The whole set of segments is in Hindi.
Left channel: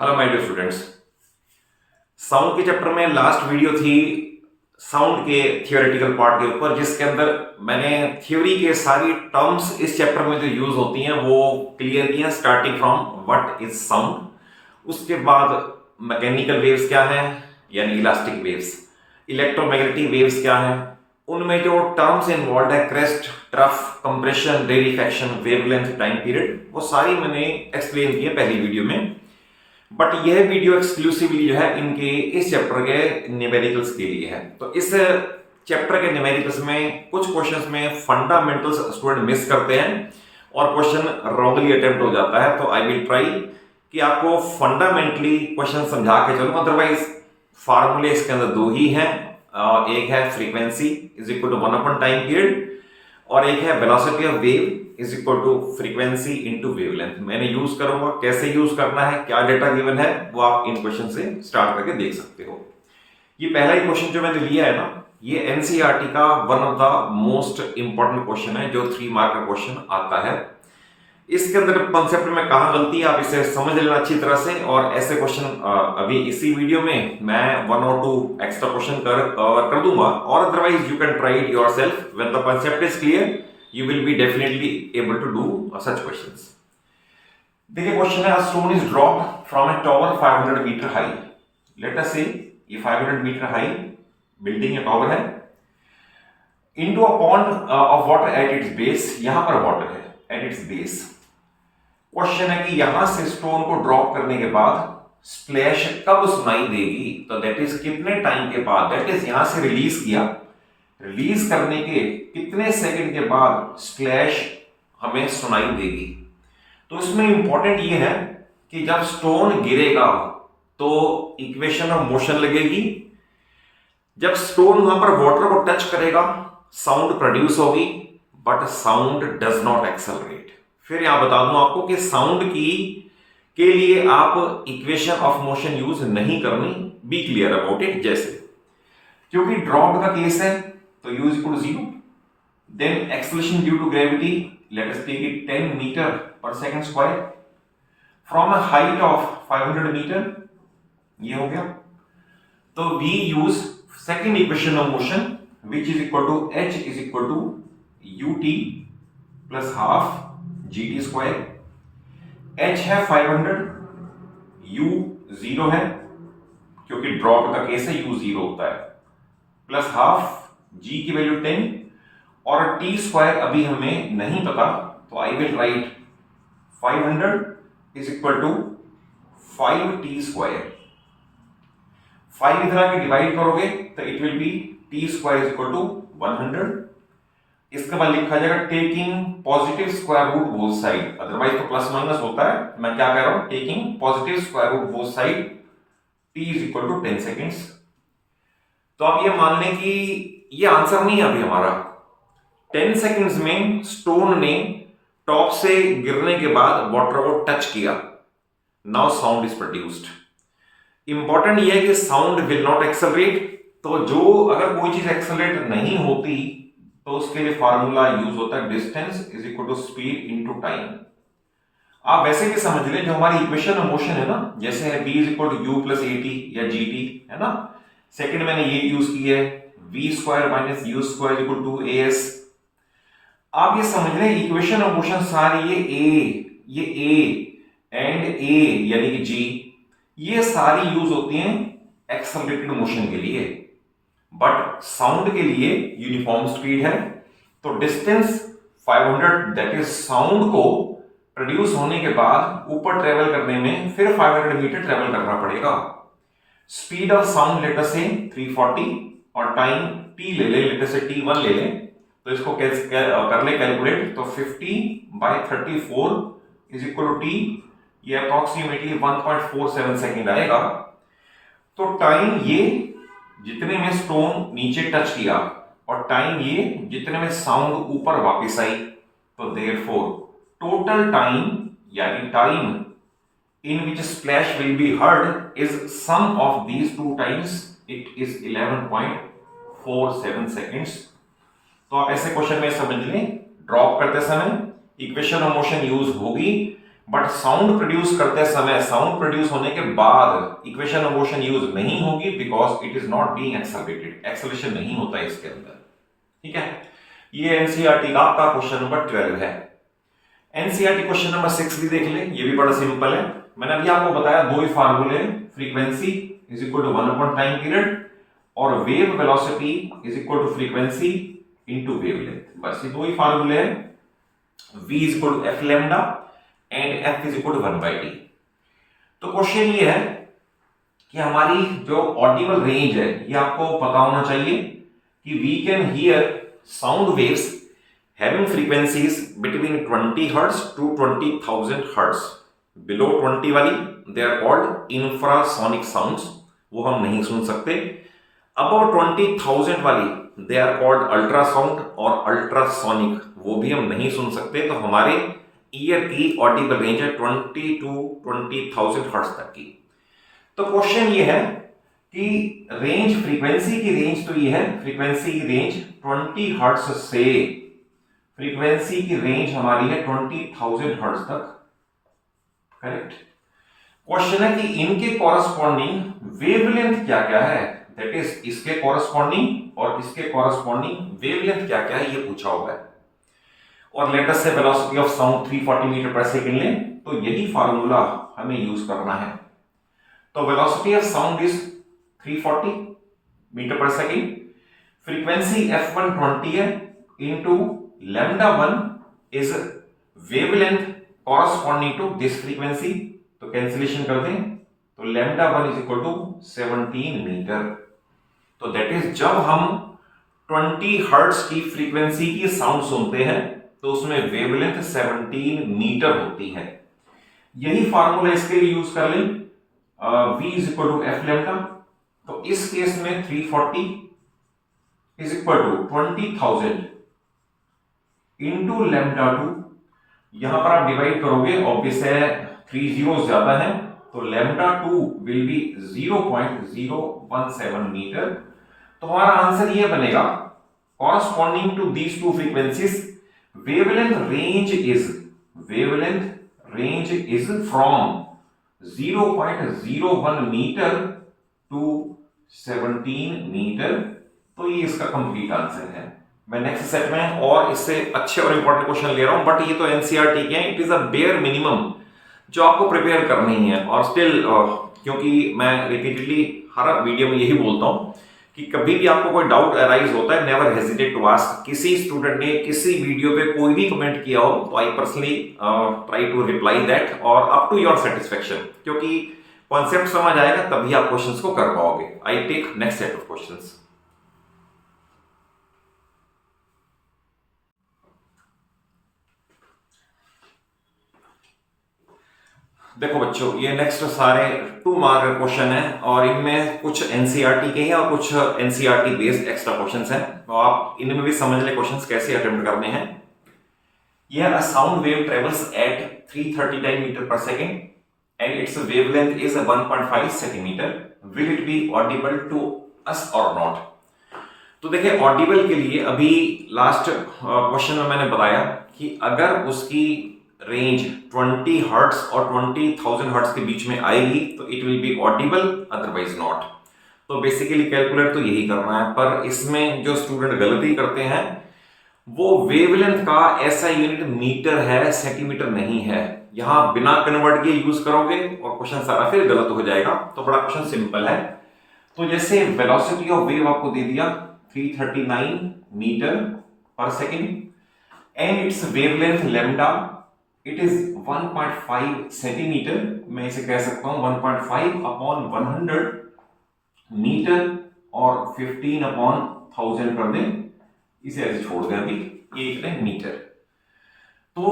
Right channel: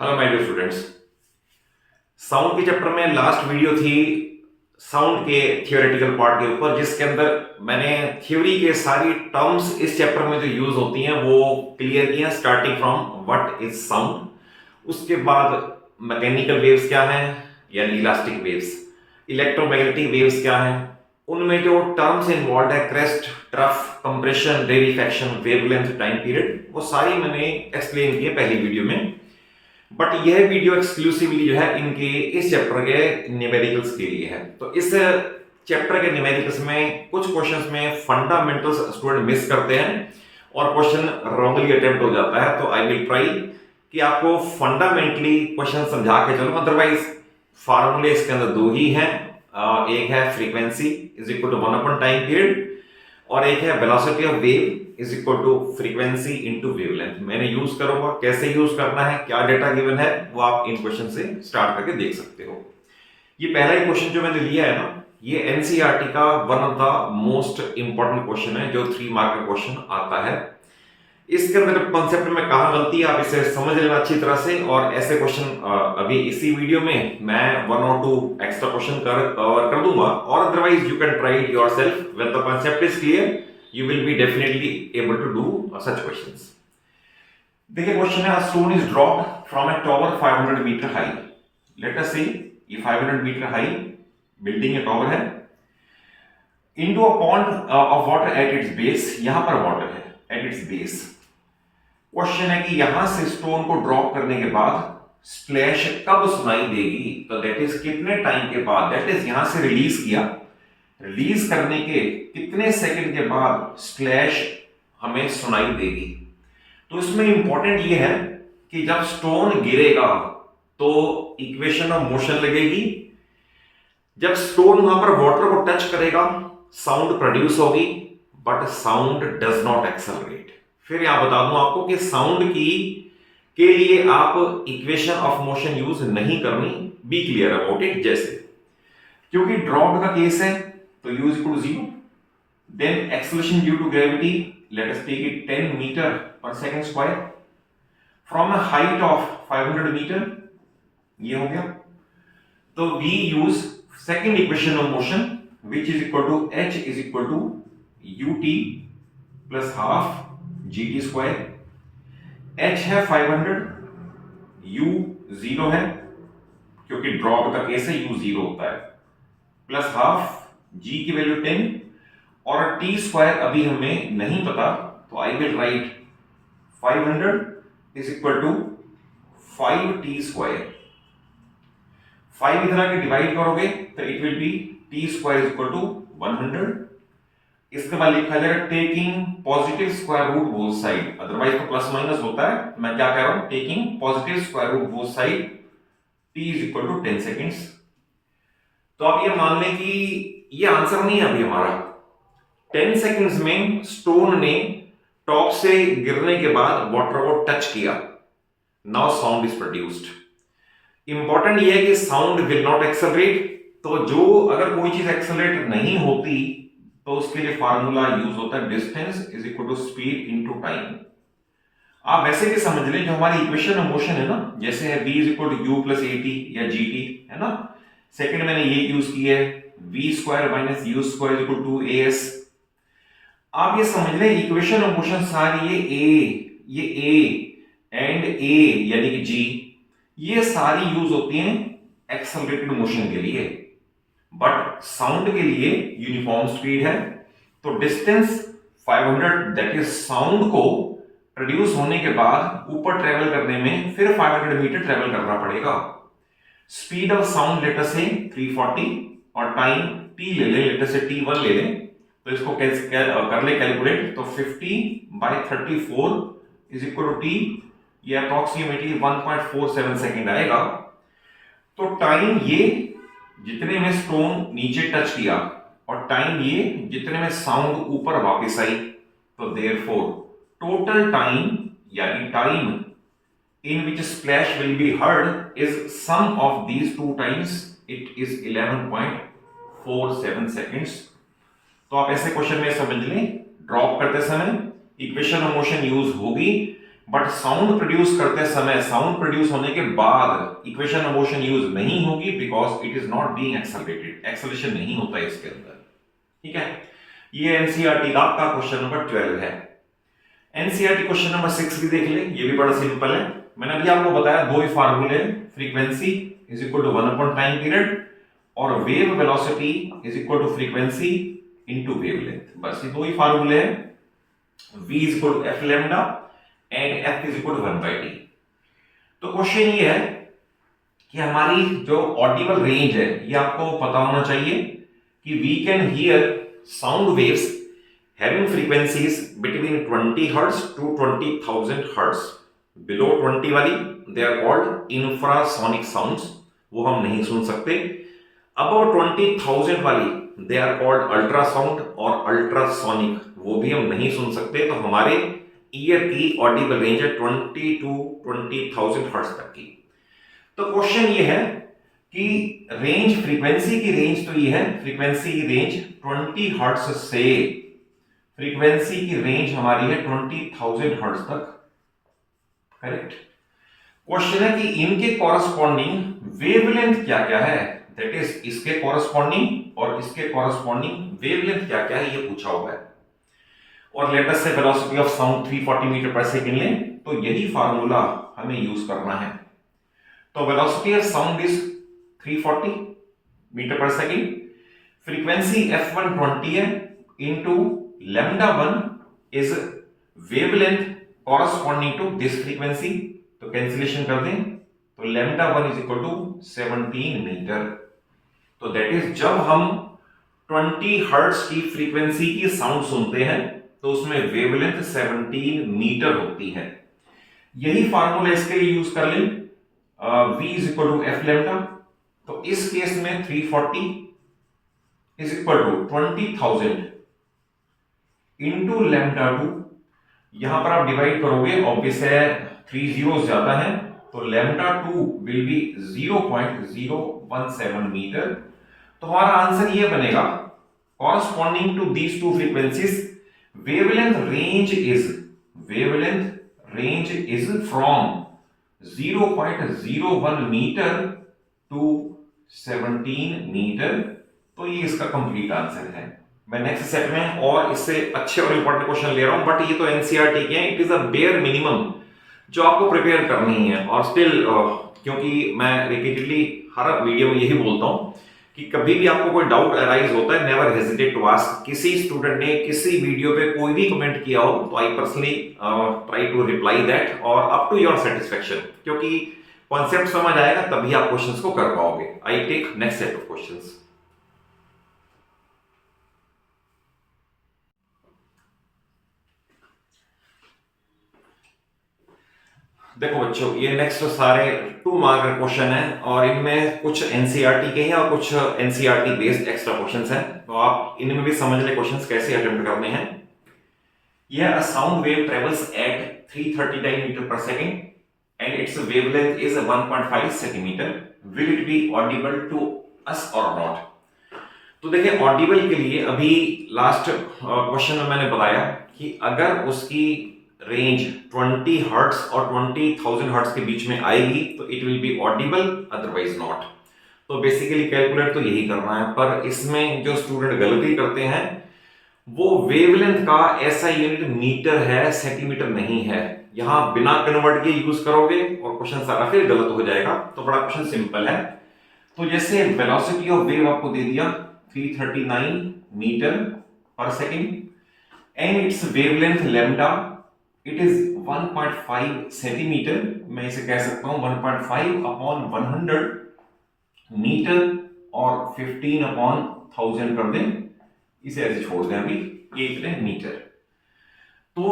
Hello my dear students. Sound के चैप्टर में लास्ट वीडियो थी साउंड के थियोरेटिकल पार्ट के ऊपर, जिसके अंदर मैंने थ्योरी के सारी टर्म्स इस चैप्टर में जो यूज होती हैं वो क्लियर की हैं, starting from what is sound. उसके बाद मैकेनिकल वेव्स क्या हैं यानी इलास्टिक वेव्स, इलेक्ट्रोमैग्नेटिक वेव्स क्या हैं, उनमें जो टर्म्स इन्वॉल्व है crest, trough, compression, rarefaction, wavelength, time period, वो सारी मैंने एक्सप्लेन की है पहली वीडियो में। बट यह वीडियो एक्सक्लूसिवली जो है इनके इस चैप्टर के न्यूमेरिकल्स के लिए है। तो इस चैप्टर के न्यूमेरिकल्स में कुछ क्वेश्चंस में फंडामेंटल्स स्टूडेंट मिस करते हैं और क्वेश्चन रॉन्गली अटेम्प्ट हो जाता है। तो आई विल ट्राई कि आपको फंडामेंटली क्वेश्चन समझा के चलूं। अदरवाइज फार्मूले इसके अंदर दो ही हैं, एक है frequency is equal to 1 time period और एक है velocity of wave is equal to frequency into wavelength. मैंने यूज करूंगा, कैसे यूज करना है, क्या डेटा गिवन है, वो आप इन क्वेश्चन से स्टार्ट करके देख सकते हो। ये पहला क्वेश्चन जो मैंने लिया है ना, ये एनसीईआरटी का one of the most important question है, जो 3 मार्क का क्वेश्चन आता है। इसके अंदर कॉन्सेप्ट में कहां गलती है आप इसे समझ लेना अच्छी तरह से। और ऐसे क्वेश्चन अभी इसी वीडियो में मैं 1 और 2 एक्स्ट्रा क्वेश्चन कर दूंगा, और otherwise you can try it yourself. When the concept is clear you will be definitely able to do such questions. देखिए क्वेश्चन है, stone is dropped from a tower 500 meter high. Let us say ये 500 meter high बिल्डिंग या टॉवर है, into a pond of water at its base. यहां पर वाटर है at its base. क्वेश्चन है कि यहां से स्टोन को ड्रॉप करने के बाद स्प्लैश कब सुनाई देगी, तो दैट इज कितने टाइम के बाद, दैट इज यहां से रिलीज किया, रिलीज करने के कितने सेकंड के बाद स्प्लैश हमें सुनाई देगी। तो इसमें इंपॉर्टेंट ये है कि जब स्टोन गिरेगा तो इक्वेशन ऑफ मोशन लगेगी, जब स्टोन वहां पर वाटर को टच करेगा साउंड प्रोड्यूस होगी, but sound does not accelerate. फिर यहां बता दूं आपको कि साउंड की के लिए आप इक्वेशन ऑफ मोशन यूज नहीं करनी, बी क्लियर अबाउट इट। जैसे क्योंकि ड्रॉप का केस है तो u is equal to 0, then acceleration due to gravity, let us take it 10 meter per second square from a height of 500 meter, ये हो गया। तो we use second equation of motion which is equal to h is equal to ut plus half gt square। h है 500, u 0 है क्योंकि ड्रॉप का केस है, u 0 होता है, प्लस हाफ g की वैल्यू 10 और t स्क्वायर अभी हमें नहीं पता, तो I will write 500 is equal to 5t square. 5 इधर आके डिवाइड करोगे तो it will be t square is equal to 100। इसके बाद लिखा जाएगा taking positive square root both side, otherwise तो प्लस माइनस होता है, मैं क्या कह रहा हूं, taking positive square root both side, t is equal to 10 seconds. तो आप ये मान लें कि ये आंसर नहीं है अभी हमारा। 10 सेकंड्स में स्टोन ने टॉप से गिरने के बाद वाटर को टच किया, now sound is produced. Important ये है कि साउंड विल नॉट एक्सेलरेट, तो जो अगर कोई चीज एक्सेलरेट नहीं होती तो उसके लिए फार्मूला यूज होता है distance is equal to speed into time. आप वैसे भी समझ लें, जो हमारी इक्वेशन ऑफ मोशन है ना, जैसे है v is equal to u plus a t या जी टी, है ना। सेकंड मैंने ये यूज की है v square minus u square equal to a s. आप ये समझ लें इक्वेशन ऑफ मोशन सारी ये a एंड a यानी कि g, ये सारी यूज होती हैं एक्सेलरेटेड मोशन के लिए, बट साउंड के लिए यूनिफॉर्म स्पीड है। तो डिस्टेंस 500 दैट इज साउंड को प्रोड्यूस होने के बाद ऊपर ट्रेवल करने में फिर 500 मीटर ट्रेवल करना पड़ेगा। Speed of sound late us से 340 और टाइम t ले ले, लेट अस से t1 ले ले, तो इसको कर ले कैलकुलेट, तो 50/34 इज इक्वल टू t, ये अप्रोक्सीमेटली 1.47 सेकेंड आएगा। तो टाइम ये जितने में स्टोन नीचे टच किया और टाइम ये जितने में साउंड ऊपर वापस आई, तो देयरफॉर टोटल टाइम यानी time in which splash will be heard is sum of these two times, it is 11.47 seconds। तो आप ऐसे क्वेश्चन में समझ लें, ड्रॉप करते समय इक्वेशन ऑफ मोशन यूज होगी, बट साउंड प्रोड्यूस करते समय, साउंड प्रोड्यूस होने के बाद इक्वेशन ऑफ मोशन यूज नहीं होगी, because it is not being accelerated, acceleration नहीं होता है इसके अंदर। ठीक है, ये एनसीईआरटी का आपका क्वेश्चन नंबर 12 है। एनसीईआरटी क्वेश्चन नंबर 6 भी देख ले, ये भी बड़ा सिंपल है। मैंने अभी आपको बताया दो ही फार्मूले, frequency is equal to 1 upon time period और wave velocity is equal to frequency into wavelength. बस ये दो ही फार्मूले हैं, v is equal to f lambda and f is equal to 1/t। तो क्वेश्चन ये है कि हमारी जो ऑडिबल रेंज है ये आपको पता होना चाहिए कि we can hear sound waves having frequencies between 20 hertz to 20,000 hertz. Below 20 वाली they are called infrasonic sounds, वो हम नहीं सुन सकते। अबव 20,000 वाली दे आर कॉल्ड अल्ट्रासाउंड और अल्ट्रासोनिक, वो भी हम नहीं सुन सकते। तो हमारे ईयर की ऑडिबल रेंज है 20 टू 20,000 हर्ट्ज तक की। तो क्वेश्चन ये है कि रेंज, फ्रीक्वेंसी की रेंज तो ये है, फ्रीक्वेंसी की रेंज 20 हर्ट्ज से, फ्रीक्वेंसी की रेंज हमारी है 20,000 हर्ट्ज तक, करेक्ट। क्वेश्चन है कि इनके कॉरस्पॉन्डिंग वेवलेंथ क्या क्या है, दैट इज इसके कॉरस्पॉन्डिंग और इसके कॉरस्पॉन्डिंग वेवलेंथ क्या क्या है, ये पूछा हुआ है। और लेट अस से velocity of sound 340 metre per second लें, तो यही फार्मूला हमें यूज करना है। तो velocity of sound is 340 metre per second, frequency f1 20 है, into lambda 1 is wavelength corresponding to this frequency. तो कैंसिलेशन कर दें, तो लैम्डा 1 इज इक्वल टू 17 मीटर। तो दैट इज जब हम 20 हर्ट्ज की फ्रीक्वेंसी की साउंड सुनते हैं तो उसमें वेवलेंथ 17 मीटर होती है। यही फार्मूला इसके लिए यूज कर लें, v is equal to f lambda. तो इस केस में 340 is equal to 20,000 into lambda 2। यहां पर आप डिवाइड करोगे, ऑब्वियस है 3 जीरो ज्यादा है, तो लैम्डा 2 विल बी 0.017 मीटर। तो हमारा आंसर ये बनेगा, corresponding to these two frequencies wavelength range is from 0.01 metre to 17 metre. तो ये इसका कंप्लीट आंसर है। मैं नेक्स्ट सेट में और इससे अच्छे और इंपॉर्टेंट क्वेश्चन ले रहा हूं, बट ये तो एनसीईआरटी के हैं, it is a bare minimum जो आपको प्रिपेयर करनी है। और स्टिल क्योंकि मैं रिपीटेडली हर वीडियो में यही बोलता हूं कि कभी भी आपको कोई डाउट अराइज होता है, नेवर हेजिटेट टू आस्क। किसी स्टूडेंट ने किसी वीडियो पे कोई भी कमेंट किया हो तो I personally try to reply that और अप टू योर सेटिस्फेक्शन, क्योंकि कॉन्सेप्ट समझ आएगा तभी आप क्वेश्चंस को कर पाओगे। I take next set of questions. देखो बच्चों, ये नेक्स्ट सारे 2 मार्क क्वेश्चन हैं और इनमें कुछ एनसीईआरटी के हैं और कुछ एनसीईआरटी बेस्ड एक्स्ट्रा क्वेश्चंस हैं। तो आप इनमें भी समझ ले क्वेश्चंस कैसे अटेम्प्ट करने हैं। ये a sound wave travels at 339 meter per second and it's wavelength is 1.5 centimeter, will it be audible to us और नॉट। तो देखिए, ऑडिबल के लिए अभी लास्ट क्वेश्चन में मैंने बताया कि अगर उसकी रेंज 20 हर्ट्ज और 20,000 हर्ट्ज के बीच में आएगी तो it will be audible, otherwise not. तो बेसिकली कैलकुलेट तो यही करना है, पर इसमें जो स्टूडेंट गलती करते हैं वो वेवलेंथ का ऐसा यूनिट मीटर है, सेंटीमीटर नहीं है। यहां बिना कन्वर्ट किए यूज करोगे और क्वेश्चन सारा फिर गलत हो जाएगा। तो बड़ा क्वेश्चन सिंपल है। तो जैसे वेलोसिटी ऑफ वेव आपको दे दिया 339 meter per second and it's wavelength lambda it is 1.5 centimetre. मैं इसे कह सकता हूं 1.5 अपॉन 100 मीटर और 15 अपॉन 1000 कर दें, इसे ऐसे छोड़ दें अभी, एक मीटर। तो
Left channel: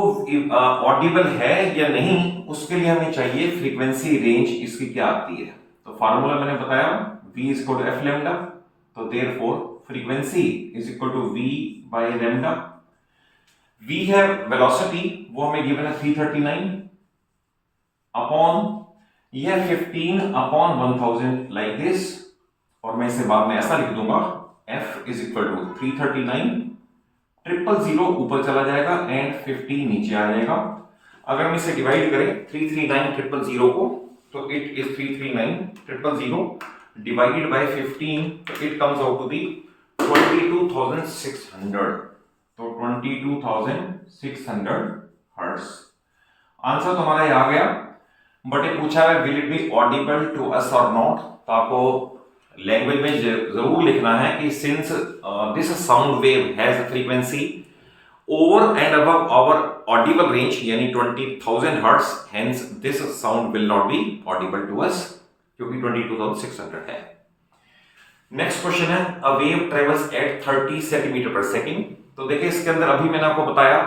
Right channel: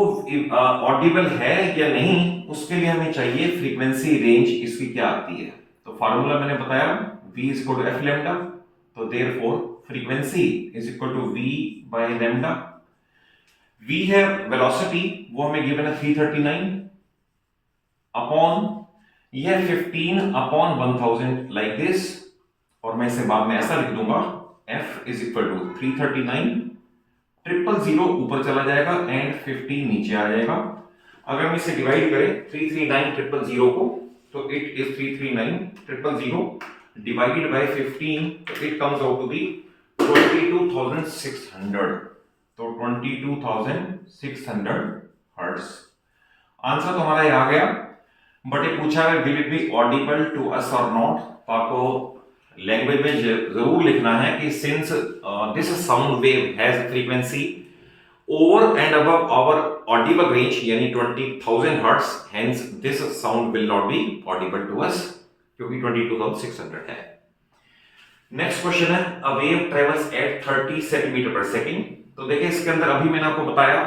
ऑडिबल है या नहीं उसके लिए हमें चाहिए फ्रीक्वेंसी रेंज इसकी क्या आती है। तो फार्मूला मैंने बताया v is equal to f lambda. तो therefore frequency is equal to v by lambda. v है वेलोसिटी, वो हमें गिवन है 339 अपॉन यह 15 अपॉन 1000 लाइक दिस, और मैं इसे बाद में ऐसा लिख दूंगा f इज इक्वल टू 339 000 ऊपर चला जाएगा एंड 15 नीचे आ जाएगा। अगर हम इसे डिवाइड करें 339,000 को, तो इट इज 339,000 डिवाइडेड बाय 15, तो it comes out to be 22,600, तो 22,600 हर्ट्ज। आंसर तो हमारा ये आ गया, बट ये पूछा है will it be audible to us और नॉट, तो आपको लैंग्वेज में जरूर लिखना है कि since this sound wave has frequency over and above our audible range यानी 20,000 hertz, hence this sound will not be audible to us, क्योंकि 22,600 है। नेक्स्ट क्वेश्चन है a wave travels at 30 centimetre per second. तो देखिए इसके अंदर अभी मैंने आपको बताया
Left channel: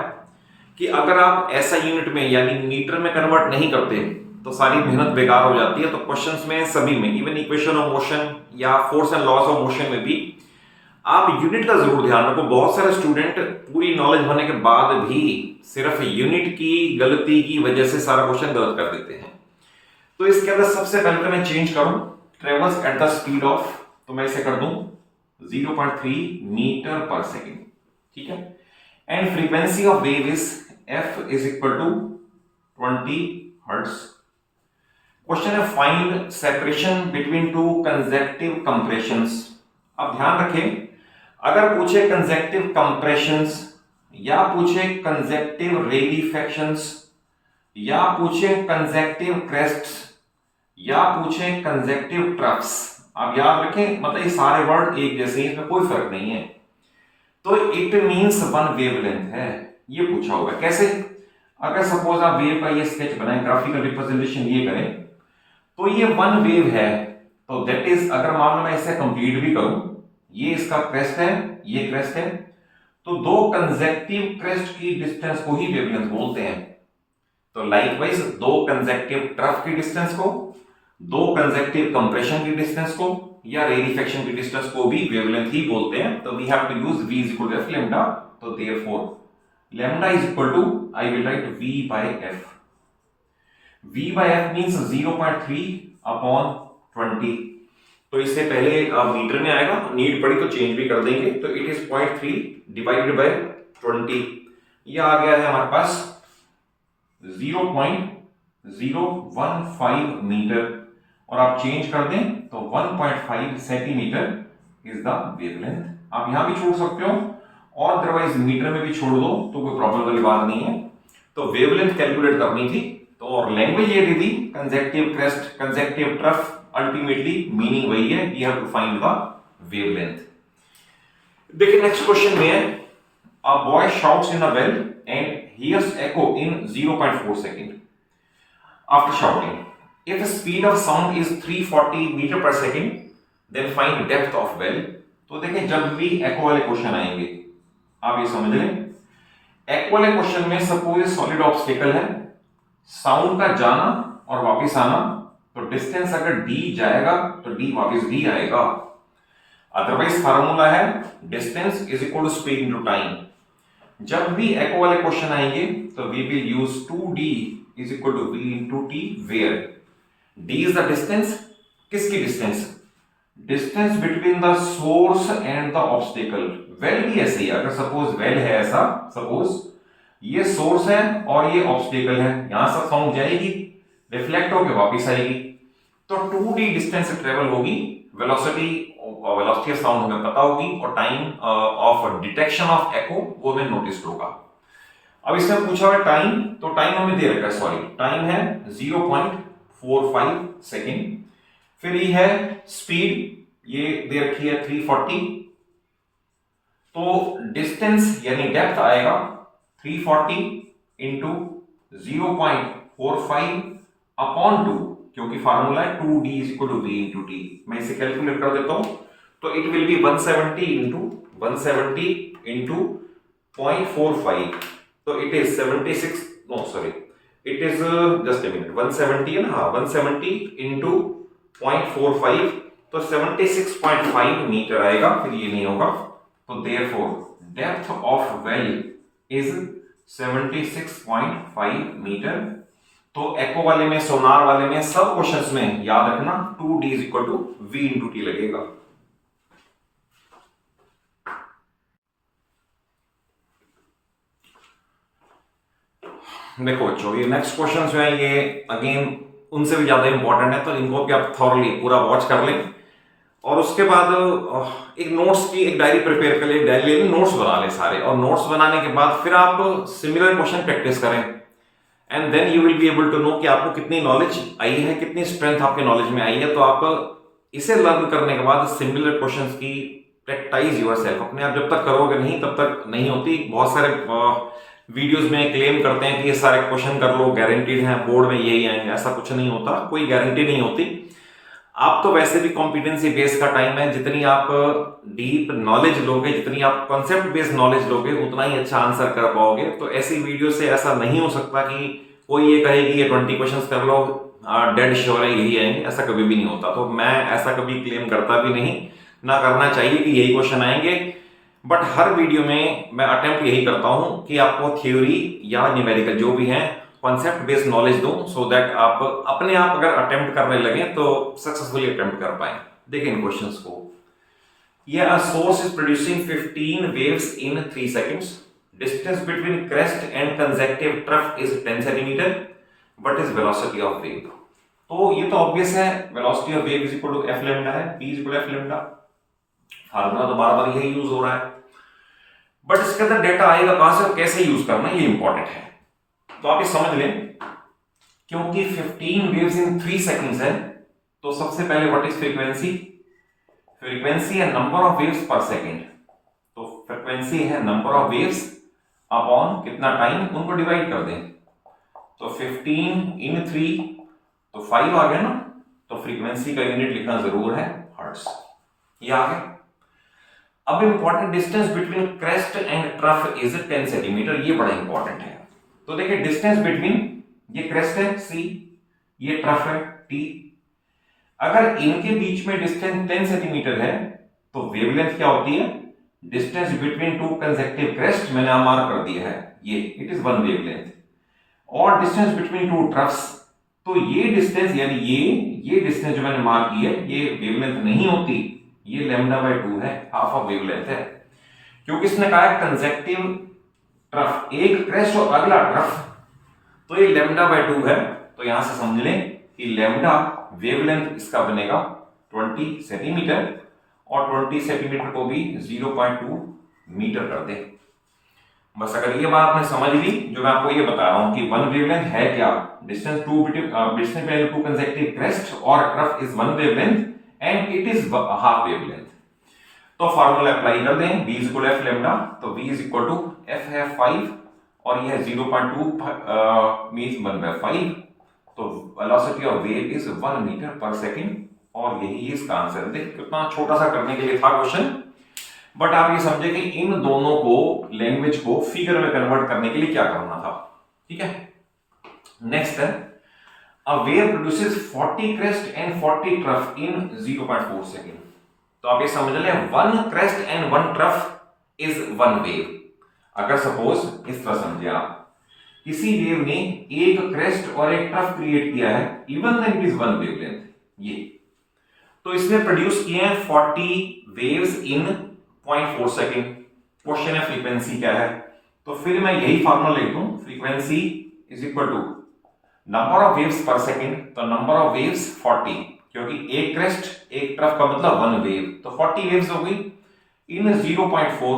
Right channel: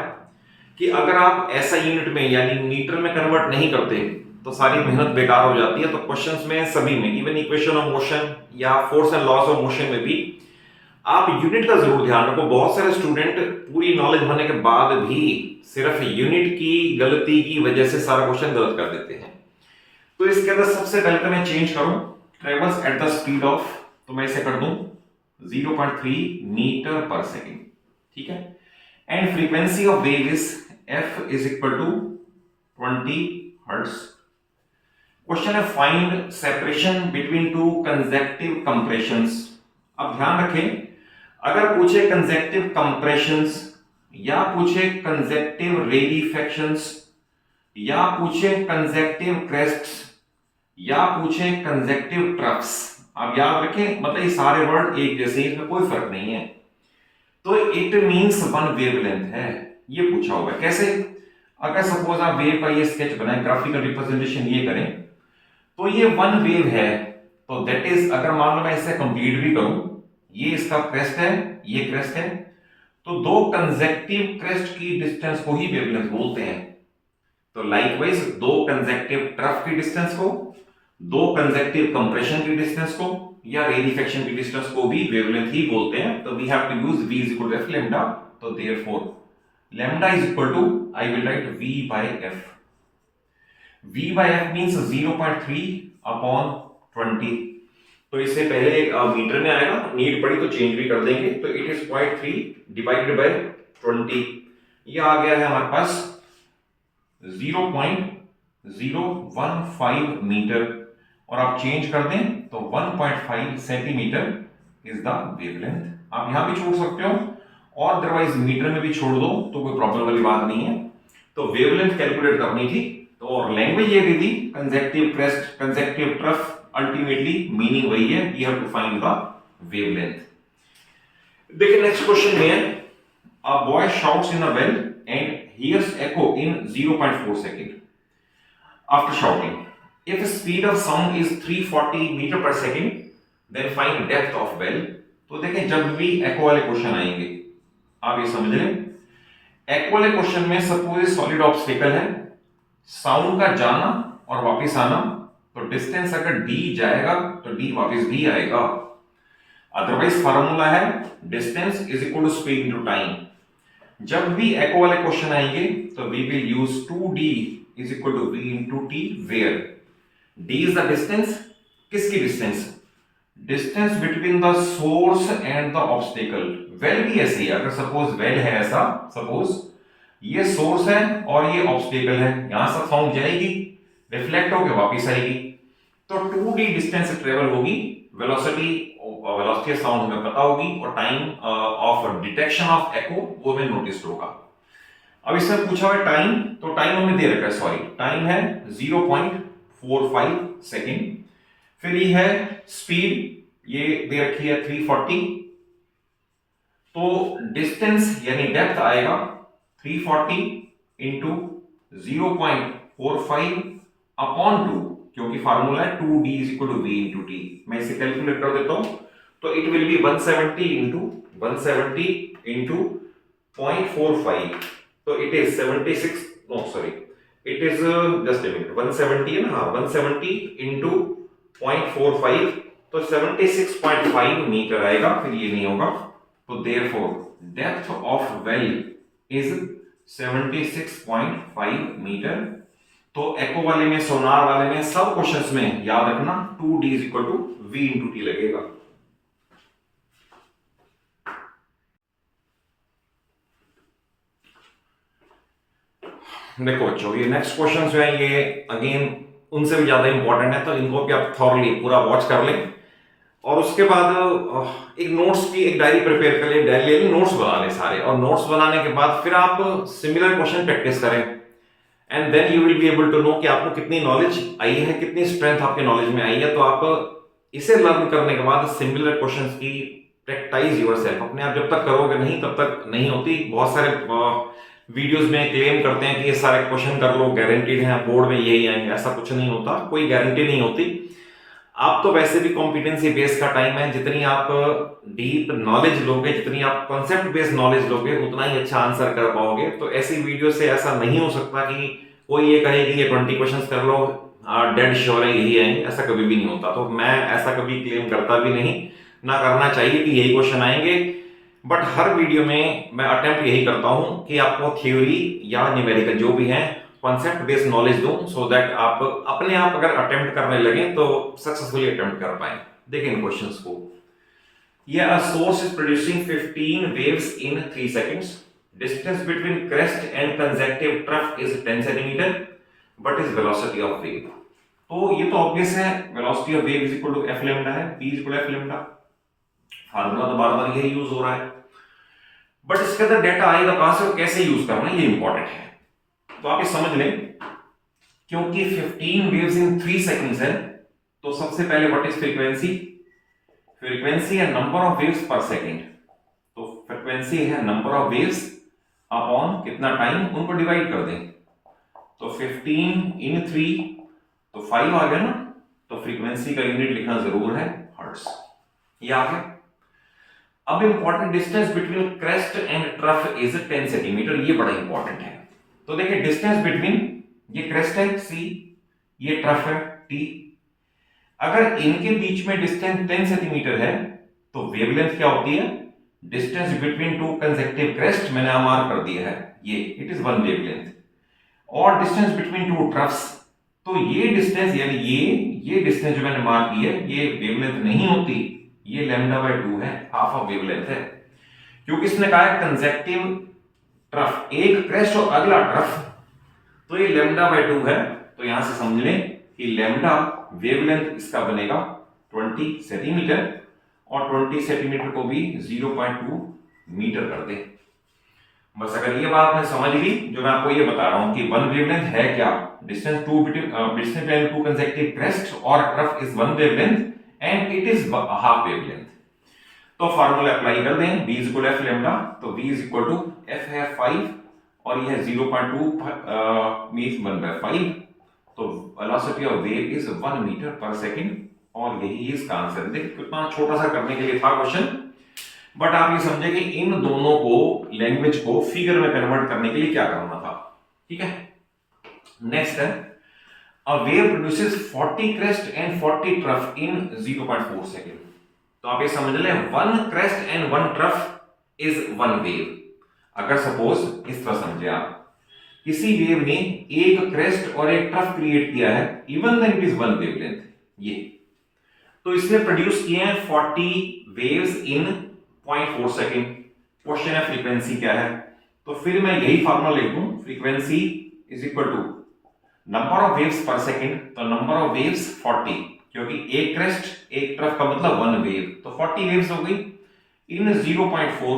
कि अगर आप ऐसा यूनिट में यानी मीटर में कन्वर्ट नहीं करते तो सारी मेहनत बेकार हो जाती है। तो क्वेश्चंस में सभी में, इवन इक्वेशन ऑफ मोशन या force and loss of motion में भी आप यूनिट का जरूर ध्यान रखो। बहुत सारे स्टूडेंट पूरी नॉलेज होने के बाद भी सिर्फ यूनिट की गलती की वजह से सारा क्वेश्चन गलत कर देते हैं। तो इसके अंदर सबसे पहले मैं चेंज करूं travels at the speed of, तो मैं इसे कर दूं 0.3 मीटर पर सेकेंड, ठीक है। And frequency of wave is f is equal to 20 hertz. Question है find separation between two consecutive compressions. अब ध्यान रखें, अगर पूछे कंसेक्टिव कंप्रेशंस या पूछे कंसेक्टिव रेलिफेक्शंस या पूछे कंसेक्टिव क्रेस्ट्स या पूछे कंसेक्टिव ट्रफ्स, आप याद रखें मतलब ये सारे वर्ड एक जैसे, इसमें कोई फर्क नहीं है। तो इट मींस वन वेवलेंथ है, ये पूछा हुआ है। कैसे? अगर सपोज आप वेव का ये स्केच बनाएं, ग्राफिकल रिप्रेजेंटेशन ये करें, तो ये वन वेव है, तो दैट इज, अगर मान लो मैं इसे कंप्लीट भी करूं, ये इसका क्रेस्ट है, ये क्रेस्ट है, तो दो कंसेक्टिव क्रेस्ट की डिस्टेंस को ही वेवलेंथ बोलते हैं। तो लाइकवाइज दो कंसेक्टिव ट्रफ की डिस्टेंस को, दो कंसेक्टिव कंप्रेशन की डिस्टेंस को या रेडिफेक्शन की डिस्टेंस को भी वेवलेंथ ही बोलते हैं। तो we have to use v is equal to f lambda, तो therefore lambda is equal to, I will write v by f। v by f means 0.3 upon 20, तो इससे पहले मीटर में आएगा, नीड पड़ी तो चेंज भी कर देंगे, तो इट इज 0.3 डिवाइडेड बाय 20, ये आ गया है हमारे पास 0.015 मीटर, और आप चेंज कर दें तो 1.5 सेंटीमीटर इज द वेवलेंथ। आप यहां भी छोड़ सकते हो और अदरवाइज मीटर में भी छोड़ दो, तो कोई प्रॉब्लम वाली बात नहीं है। तो वेवलेंथ कैलकुलेट करनी थी, तो और लैंग्वेज ये the consecutive crest, consecutive trough, ultimately meaning वही है, we have to find the wavelength. देखिए नेक्स्ट क्वेश्चन में है a boy shouts in a well and hears echo in 0.4 second. After shouting, if the speed of sound is 340 meter per second, then find depth of well. तो देखिए जब भी echo वाले क्वेश्चन आएंगे आप ये समझ लें, echo वाले क्वेश्चन में सपोज सॉलिड ऑब्स्टेकल है, साउंड का जाना और वापस आना, तो डिस्टेंस अगर d जाएगा तो d वापस भी आएगा। अदरवाइज फार्मूला है distance is equal to speed into time. जब भी echo वाले क्वेश्चन आएंगे तो we will use 2d is equal to v into t, where d is the distance, किसकी distance? Distance between the source and the obstacle. Well भी ऐसे ही, अगर सपोज वेल है ऐसा, सपोज ये सोर्स है और ये ऑब्स्टेकल है, यहां से साउंड जाएगी, रिफ्लेक्ट होकर वापस आएगी, तो 2d डिस्टेंस ट्रेवल होगी, वेलोसिटी वेलोसिटी ऑफ साउंड हमें पता होगी, और टाइम ऑफ डिटेक्शन ऑफ एको वो हमें नोटिस होगा। अब इसमें पूछा हुआ टाइम, तो टाइम हमें दे रखा है, सॉरी टाइम है 0.45 सेकेंड, फिर ये है स्पीड, ये दे रखी है 340, तो डिस्टेंस यानी डेप्थ आएगा 340 इंटू 0.45 अपॉन 2, क्योंकि फार्मूला है 2d is equal to v into t. मैं इसे कैलकुलेट कर देता हूं, तो इट विल बी 170 इंटू 0.45, तो it is 76, no sorry it is just a minute, 170 है ना, हाँ 170 इंटू 0.45, तो 76.5 मीटर आएगा, फिर ये नहीं होगा, तो therefore depth of well is 76.5 metre. तो एको वाले में, सोनार वाले में, सब क्वेश्चंस में याद रखना 2d is equal to v into t लगेगा। देखो बच्चों, ये नेक्स्ट क्वेश्चन जो है ये अगेन उनसे भी ज्यादा इंपॉर्टेंट है, तो इनको भी आप थॉरली पूरा वॉच कर लें और उसके बाद एक नोट्स की एक डायरी प्रिपेयर कर ले, डायरी ले लें, नोट्स बना लें सारे, और नोट्स बनाने के बाद फिर आप सिमिलर क्वेश्चन प्रैक्टिस करें and then you will be able to know कि आपको कितनी नॉलेज आई है, कितनी स्ट्रेंथ आपके नॉलेज में आई है। तो आप इसे लर्न करने के बाद सिमिलर क्वेश्चंस की प्रैक्टिस योरसेल्फ अपने आप जब तक करोगे नहीं तब तक नहीं होती। बहुत सारे वीडियोस में क्लेम करते हैं कि ये सारे क्वेश्चन कर लो, गारंटीड है बोर्ड में यही आएंगे, ऐसा कुछ नहीं होता, कोई गारंटी नहीं होती। आप तो वैसे भी कॉम्पिटेंसी बेस का टाइम है, जितनी आप डीप नॉलेज लोगे, जितनी आप कॉन्सेप्ट बेस्ड नॉलेज लोगे, उतना ही अच्छा आंसर कर पाओगे। तो ऐसी वीडियो से ऐसा नहीं हो सकता कि कोई ये कहे कि ये 20 क्वेश्चंस कर लो, डेड श्योर है यही आएंगे, ऐसा कभी भी नहीं होता। तो मैं ऐसा कभी क्लेम करता भी नहीं, ना करना चाहिए कि यही क्वेश्चन आएंगे। बट हर वीडियो में मैं अटेम्प्ट यही करता हूं कि आपको थ्योरी या न्यूमेरिकल जो भी है कॉन्सेप्ट बेस्ड नॉलेज दूं, सो दैट आप अपने आप अगर अटेम्प्ट करने लगे तो सक्सेसफुली अटेम्प्ट कर पाए। देखिए इन क्वेश्चंस को, ये a source is producing 15 waves in 3 seconds, distance between crest and consecutive trough is 10 centimetre, what is velocity of wave. तो ये तो ऑब्वियस है, velocity of wave is equal to f lambda है, v is equal to f lambda, formula तो बार बार यही यूज हो रहा है। बट इसके अंदर डेटा आएगा कहां से और कैसे यूज करना है, ये इंपॉर्टेंट है। तो आप ये समझ लें, क्योंकि 15 वेव्स इन 3 सेकंड्स है, तो सबसे पहले व्हाट इज फ्रीक्वेंसी, फ्रीक्वेंसी है number of waves per second. तो फ्रीक्वेंसी है नंबर ऑफ वेव्स अपॉन कितना टाइम, उनको डिवाइड कर दें। तो 15 इन 3 तो 5 आ गया ना, तो फ्रीक्वेंसी का यूनिट लिखना जरूर है हर्ट्ज, ये आ गया। अब important, distance between crest and trough is 10 centimetre, ये बड़ा इंपॉर्टेंट है। तो देखिए डिस्टेंस बिटवीन, ये क्रेस्ट है c, ये ट्रफ है t, अगर इनके बीच में डिस्टेंस 10 सेंटीमीटर है तो वेवलेंथ क्या होती है, distance between two consecutive crest, मैंने यहां मार्क कर दिया है ये, इट इज 1 वेवलेंथ, और डिस्टेंस बिटवीन टू ट्रफ्स, तो ये डिस्टेंस यानी ये डिस्टेंस जो मैंने मार्क की है ये वेवलेंथ नहीं होती, ये लैम्डा बाय 2 है, हाफ ऑफ वेवलेंथ है। क्योंकि इसने कहा है कंसेक्टिव ट्रफ, एक क्रेस्ट और अगला ट्रफ, तो ये लैम्डा बाय 2 है। तो यहां से समझ लें कि लैम्डा वेवलेंथ इसका बनेगा 20 सेंटीमीटर, और 20 सेंटीमीटर को भी 0.2 मीटर कर दे। बस अगर ये बात मैं समझ ली, जो मैं आपको ये बता रहा हूं कि 1 वेवलेंथ है क्या, distance between two consecutive crest और trough is 1 wavelength and it is half wavelength. तो फार्मूला अप्लाई कर दें, v is equal to f lambda, तो v is equal to f है 5 और ये है 0.2 मीन्स 1/5, तो velocity of wave is 1 metre per second, और यही इसका आंसर है। देखिए कितना छोटा सा करने के लिए था क्वेश्चन, बट आप ये समझे कि इन दोनों को, लैंग्वेज को फिगर में कन्वर्ट करने के लिए क्या करना था। ठीक है, नेक्स्ट है, a wave produces 40 crest and 40 trough in 0.4 second. तो आप ये समझ लें 1 crest and 1 trough is 1 wave. अगर सपोज इस तरह समझे आप, किसी वेव ने एक क्रेस्ट और एक ट्रफ क्रिएट किया है, even then it is 1 wavelength, ये तो इसने प्रोड्यूस किए हैं 40 वेव्स इन 0.4 सेकंड। क्वेश्चन है फ्रीक्वेंसी क्या है, तो फिर मैं यही फार्मूला लिख दूं, frequency is equal to number of waves per second, तो नंबर ऑफ वेव्स 40, क्योंकि एक क्रेस्ट एक ट्रफ का मतलब 1 वेव, तो 40 वेव्स हो गई इन 0.4,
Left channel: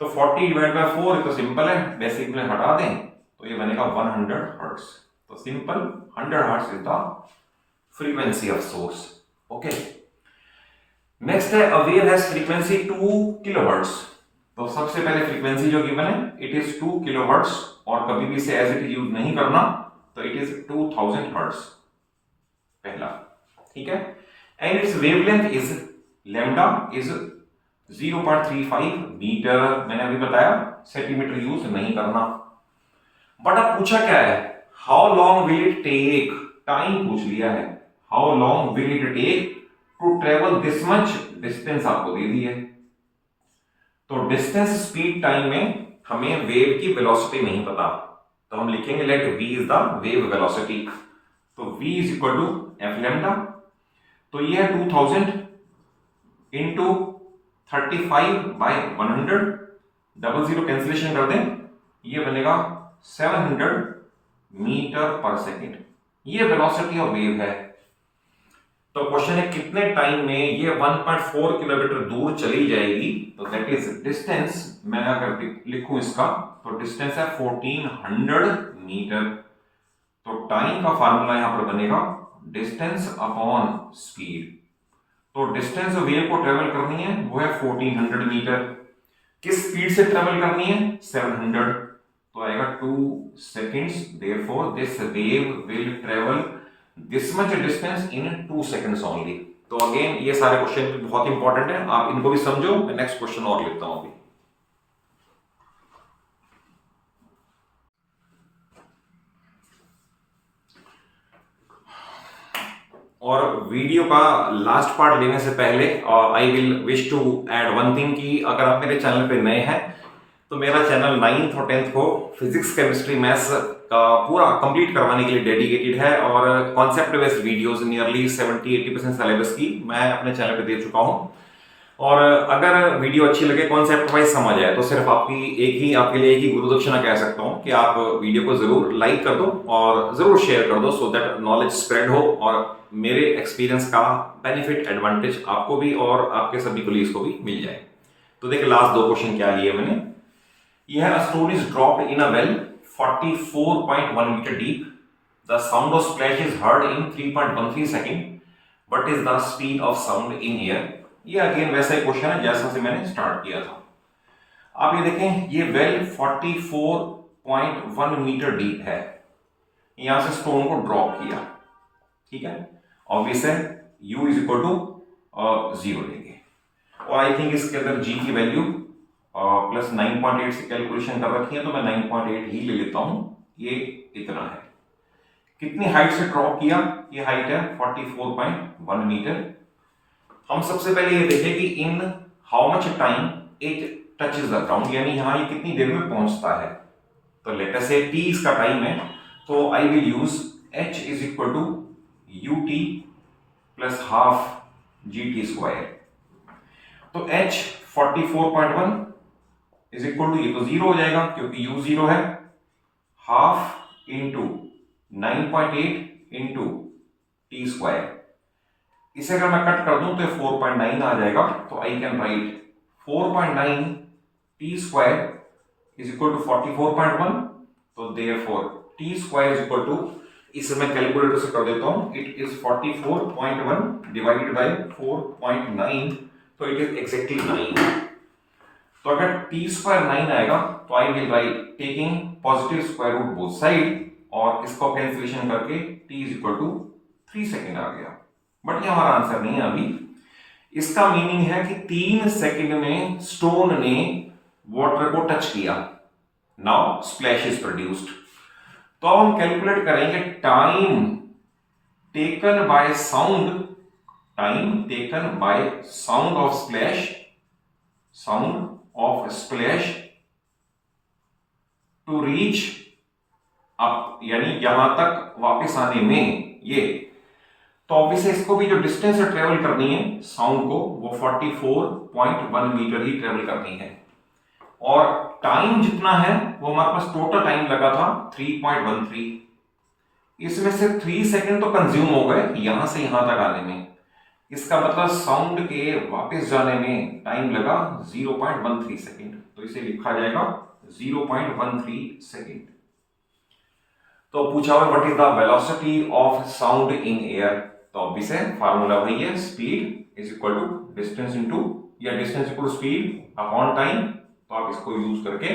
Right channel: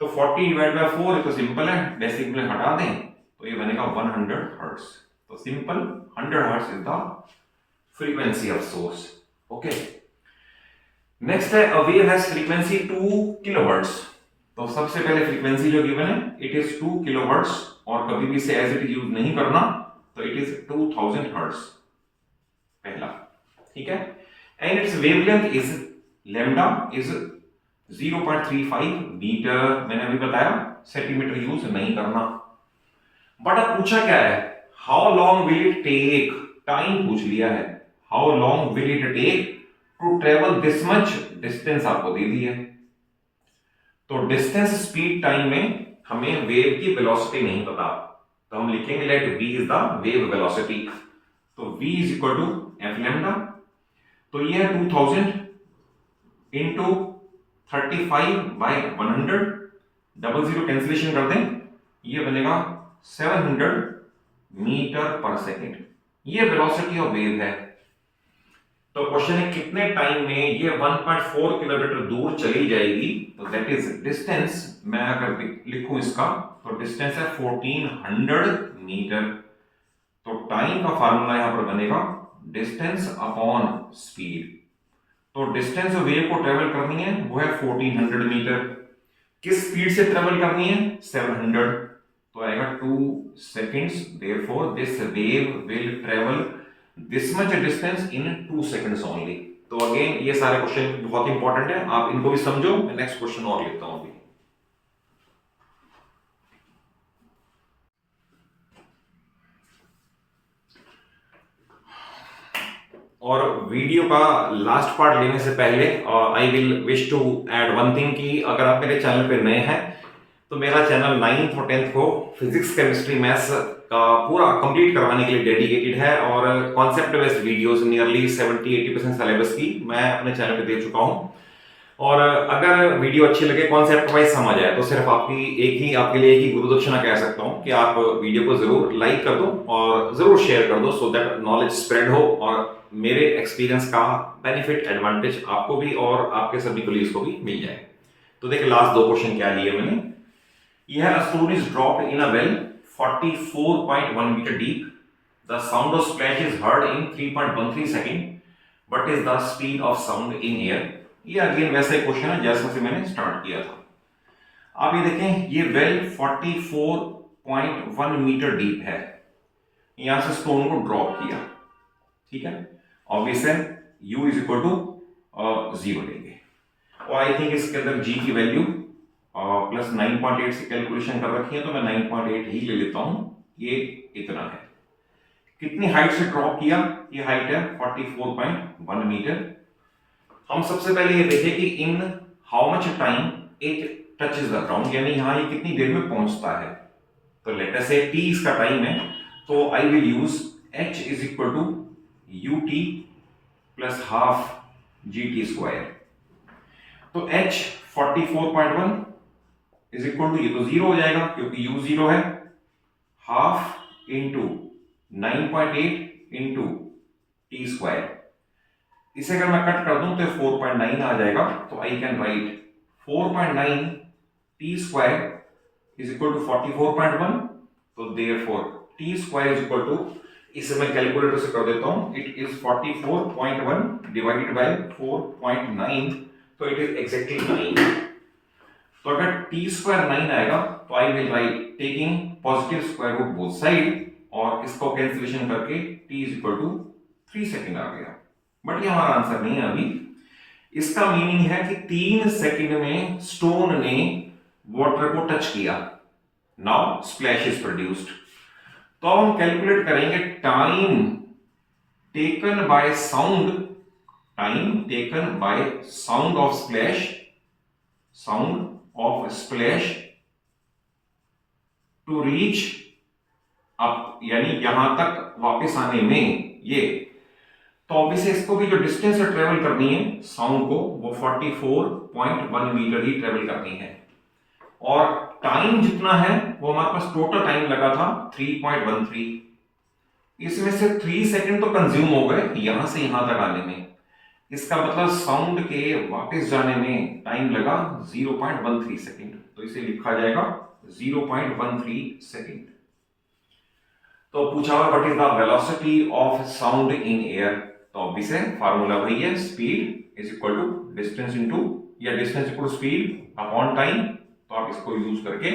तो 40 डिवाइड बाय 4 तो सिंपल है, बेसिक में हटा दें तो ये बनेगा 100 हर्ट्ज। तो simple 100 hertz is the frequency of source. Okay, next है, a wave has frequency 2 kilohertz. तो सबसे पहले फ्रीक्वेंसी जो गिवन है इट इज 2 किलोहर्ट्ज, और कभी भी इसे एज इट इज यूज नहीं करना, तो इट इज 2000 हर्ट्ज पहला। ठीक है, and it's wavelength is lambda is 0.35 metre, मैंने अभी बताया सेंटीमीटर यूज नहीं करना। बट अब पूछा क्या है, how long will it take, time पूछ लिया है, how long will it take to travel this much, distance आपको दे दी है। तो डिस्टेंस स्पीड टाइम में हमें वेव की वेलोसिटी नहीं पता, तो हम लिखेंगे let v is the wave velocity, तो v is equal to f lambda, तो ये है 2000 into 35 by 100, double zero cancellation कर दें, ये बनेगा 700 मीटर पर सेकेंड, ये वेलोसिटी ऑफ वेव है। तो क्वेश्चन है कितने टाइम में ये 1.4 किलोमीटर दूर चली जाएगी। तो दैट इज डिस्टेंस, मैं अगर लिखूं इसका तो डिस्टेंस है 1400 मीटर। तो टाइम का फार्मूला यहां पर बनेगा डिस्टेंस अपॉन स्पीड। तो डिस्टेंस वेव को ट्रेवल करनी है वो है 1400 मीटर। किस स्पीड से ट्रेवल करनी है 700। तो आएगा 2 seconds, therefore this wave will travel this much distance in 2 seconds only. तो अगेन ये सारे क्वेश्चन बहुत इंपॉर्टेंट है, आप इनको भी समझो। मैं नेक्स्ट क्वेश्चन और लिखता हूं अभी। और वीडियो का लास्ट पार्ट लेने से पहले I will wish to add one thing कि अगर आप मेरे चैनल पे नए हैं तो मेरा चैनल 9th और 10th को फिजिक्स केमिस्ट्री मैथ्स का पूरा कंप्लीट करवाने के लिए डेडिकेटेड है और concept based videos nearly 70-80% syllabus की मैं अपने चैनल पे दे चुका हूं। और अगर वीडियो अच्छी लगे, कॉन्सेप्ट वाइज समझ आए, तो सिर्फ आपके लिए एक ही गुरु दक्षिणा कह सकता हूं कि आप वीडियो को जरूर लाइक कर दो और जरूर शेयर कर दो सो दैट नॉलेज स्प्रेड हो और मेरे एक्सपीरियंस का बेनिफिट एडवांटेज आपको भी और आपके सभी कोलीग्स को भी मिल जाए। तो देखिए लास्ट 2 क्वेश्चन क्या लिए मैंने। यह stone is dropped in a well 44.1 metre deep. The sound of splash is heard in 3.13 second. What is the speed of sound in air. ये अगेन वैसा ही क्वेश्चन है जैसा से मैंने स्टार्ट किया था। आप ये देखें, ये वेल 44.1 मीटर डीप है। यहां से स्टोन को ड्रॉप किया, ठीक है। ऑब्वियस है u इज इक्वल टू 0 लेंगे और आई थिंक इसके अंदर g की वैल्यू प्लस 9.8 से कैलकुलेशन कर रखी है तो मैं 9.8 ही ले लेता हूं। ये इतना है। कितनी हाइट से ड्रॉप किया, ये हाइट है 44.1 मीटर। हम सबसे पहले ये देखें कि in how much time it touches the ground, यानी यहां ये कितनी देर में पहुंचता है। तो लेट अस से t इसका टाइम है, तो I will use h is equal to ut plus half gt square. तो h 44.1 इज इक्वल टू, ये तो 0 हो जाएगा क्योंकि u 0 है, half into 9.8 into t square. इसे अगर मैं कट कर दूं तो 4.9 आ जाएगा। तो I can write 4.9 t square is equal to 44.1। तो therefore t square is equal to, इसे मैं कैलकुलेटर से कर देता हूं, इट इज 44.1 डिवाइडेड बाय 4.9, तो इट इज एग्जैक्टली 9। तो अगर टी स्क्वायर 9 आएगा तो I will write taking positive square root both side और इसको कैंसिलेशन करके t is equal to 3 second आ गया। बट ये हमारा आंसर नहीं है अभी। इसका मीनिंग है कि 3 सेकंड में स्टोन ने वाटर को टच किया। Now splash is produced. तो हम कैलकुलेट करेंगे time taken by sound, time taken by sound of splash, sound of splash to reach up, यानी यहां तक वापस आने में ये। तो ऑब्वियसली इसको भी जो डिस्टेंस ट्रेवल करनी है साउंड को वो 44.1 मीटर ही ट्रेवल करनी है और टाइम जितना है वो हमारे पास टोटल टाइम लगा था 3.13। इसमें से 3 सेकंड तो कंज्यूम हो गए यहां से यहां तक आने में। इसका मतलब साउंड के वापस जाने में टाइम लगा 0.13 सेकंड। तो इसे लिखा जाएगा 0.13 सेकंड। तो पूछा हुआ what is the velocity of sound in air. तो ऑब्वियस है फार्मूला वही है, speed is equal to distance into, या distance equal to speed upon time. तो आप इसको यूज करके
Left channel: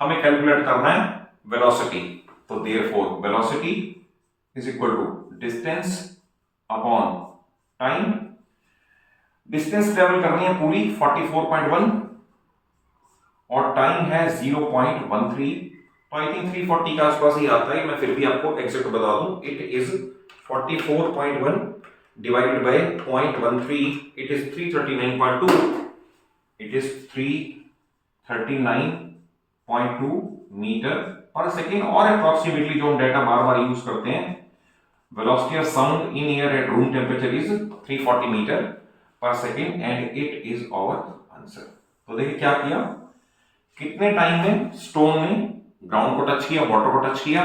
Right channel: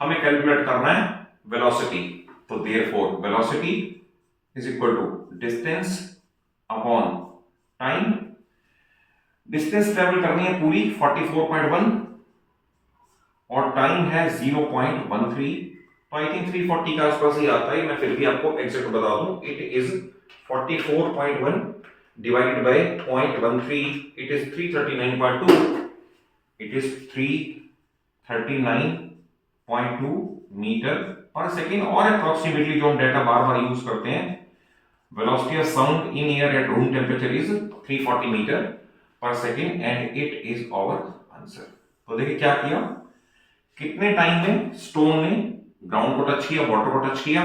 हमें कैलकुलेट करना है वेलोसिटी। तो therefore velocity is equal to distance upon time. Distance travel करनी है पूरी 44.1 और टाइम है 0.13। तो आई थिंक 340 के आसपास ही आता है, मैं फिर भी आपको एग्जैक्ट बता दूं। It is 44.1 divided by 0.13, it is 339.2, it is 339.2 metre per second. और अप्रोक्सीमेटली जो हम डाटा बार बार यूज करते हैं, velocity of sound in air at room temperature is 340 metre per second and it is our answer. तो देखिए क्या किया, कितने टाइम में स्टोन ने ग्राउंड को टच किया, वाटर को टच किया,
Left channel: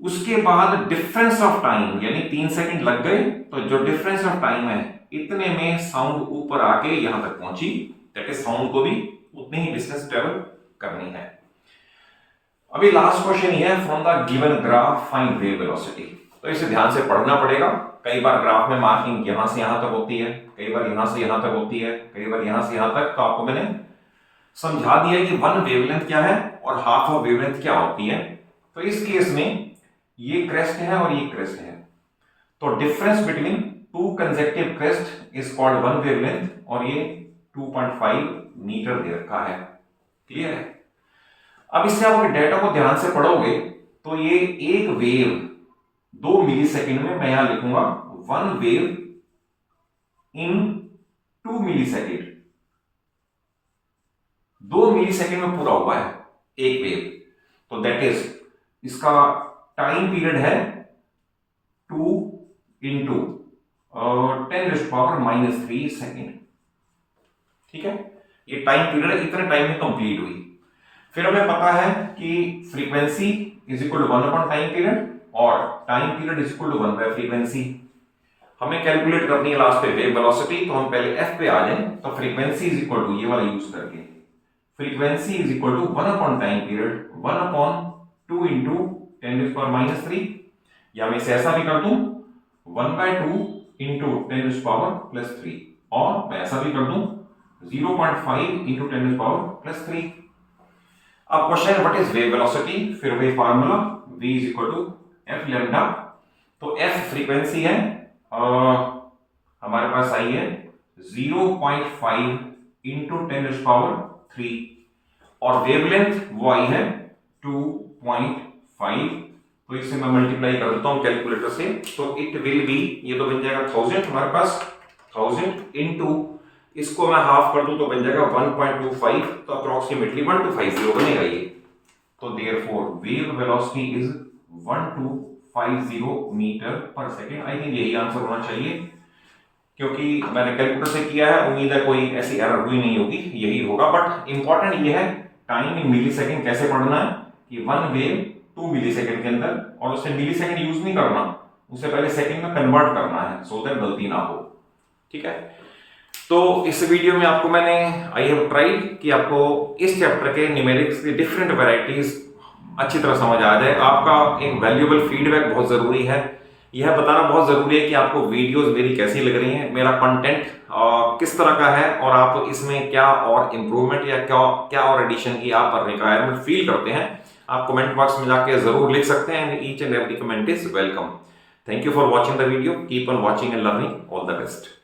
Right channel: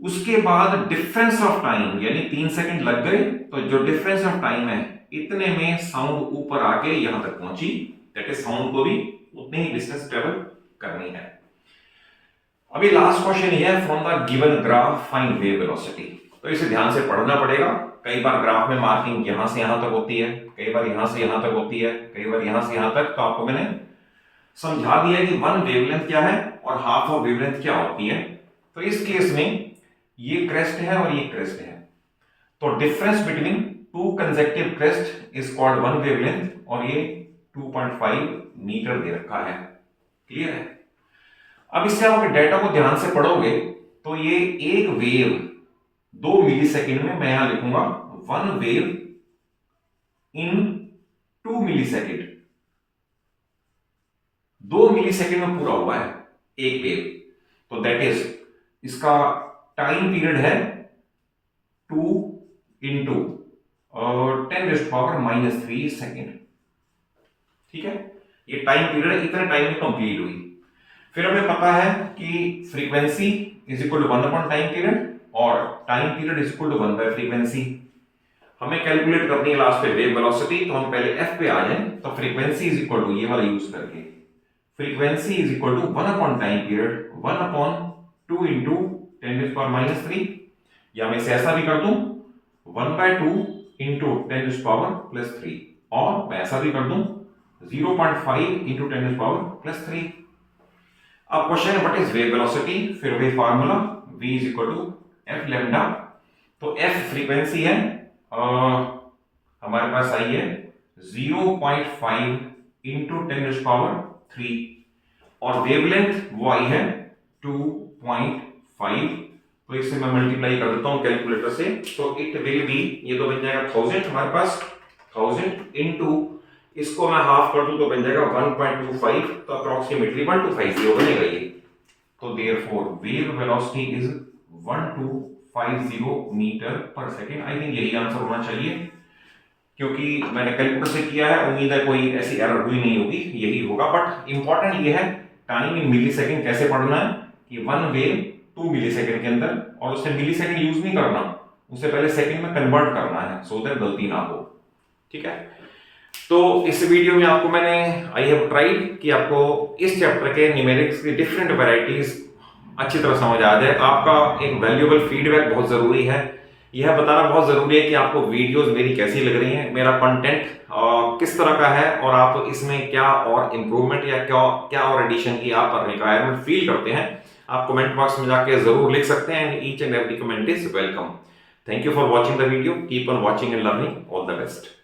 उसके बाद डिफरेंस ऑफ टाइम यानी 3 सेकंड लग गए, तो जो डिफरेंस ऑफ टाइम है इतने में साउंड ऊपर आके यहां तक पहुंची, दैट इज साउंड को भी उतनी ही डिस्टेंस ट्रेवल करनी है। अभी लास्ट क्वेश्चन ये है, from the given graph find wave velocity. तो इसे ध्यान से पढ़ना पड़ेगा। कई बार ग्राफ में मार्किंग यहां से यहां तक होती है, कई बार यहां से यहां तक होती है, कई बार यहां से यहां तक। तो आपको मैंने समझा दिया कि वन वेवलेंथ क्या है और हाफ ऑफ वेवलेंथ क्या होती है। तो इस केस में ये क्रेस्ट है और ये क्रेस्ट है, तो difference between two consecutive crest is called one wavelength, और ये 2.5 मीटर दे रखा है। क्लियर है? अब इससे आप अपने डेटा को ध्यान से पढ़ोगे तो ये एक वेव 2 मिली सेकेंड में, मैं यहां लिखूंगा 1 वेव इन 2 मिली सेकेंड, 2 मिली सेकेंड में पूरा हुआ है एक वेव। तो दैट इज, इसका टाइम पीरियड है 2 इंटू 10⁻³ सेकेंड। ठीक है, ये टाइम पीरियड इतने टाइम में कंप्लीट हुई। फिर हमें पता है कि frequency is equal to 1 upon time period, और time period is equal to 1 by frequency. हमें कैलकुलेट करनी है लास्ट पे वेव वेलोसिटी, तो हम पहले एफ पे आ जाएं। तो फ्रीक्वेंसी इज इक्वल टू, ये वाला यूज करके, frequency is equal to 1 upon time period 1 upon 2 into 10⁻³ या मैं इसे ऐसा भी कर दूं 1/2 इंटू 10⁻³ और मैं ऐसा भी कर दूं 0.5 इंटू 10⁻³ अब क्वेश्चन है व्हाट इज वेव वेलोसिटी, फिर वही formula v is equal to f lambda. तो f फ्रीक्वेंसी है, हमारे पास आई है 0.5 इंटू 10⁻³ और वेवलेंथ वो आई है 2.5। तो इससे मैं मल्टीप्लाई कर देता हूं कैलकुलेटर से, तो इट विल बी, ये तो बन जाएगा 1000 हमारे पास, 1000 इंटू इसको मैं हाफ कर दूं तो बन जाएगा 1.25, तो अप्रोक्सीमेटली 1250 बनेगा ये। तो therefore wave velocity is 1250 metre per second. I think यही आंसर होना चाहिए, क्योंकि मैंने कैलकुलेटर से किया है, उम्मीद है कोई ऐसी एरर हुई नहीं होगी, यही होगा। बट इंपॉर्टेंट ये है टाइम इन मिली सेकेंड कैसे पढ़ना है, कि 1 वेव 2 मिली सेकेंड के अंदर, और उससे मिली सेकेंड यूज नहीं करना, उससे पहले सेकेंड में कन्वर्ट करना है, सो दैट गलती ना हो। ठीक है, तो इस वीडियो में आपको मैंने आई हैव ट्राइड कि आपको इस चैप्टर के न्यूमेरिक्स की डिफरेंट वैरायटीज अच्छी तरह समझ आ जाए। आपका एक वैल्यूएबल फीडबैक बहुत जरूरी है, यह बताना बहुत जरूरी है कि आपको वीडियोस मेरी कैसी लग रही हैं, मेरा कंटेंट किस तरह का है, और आप इसमें क्या और इम्प्रूवमेंट या क्या और एडिशन की आप रिक्वायरमेंट फील करते हैं। आप कमेंट बॉक्स में जाके जरूर लिख सकते हैं, and each and every comment is welcome. Thank you for watching the video, keep on watching and learning, all the best.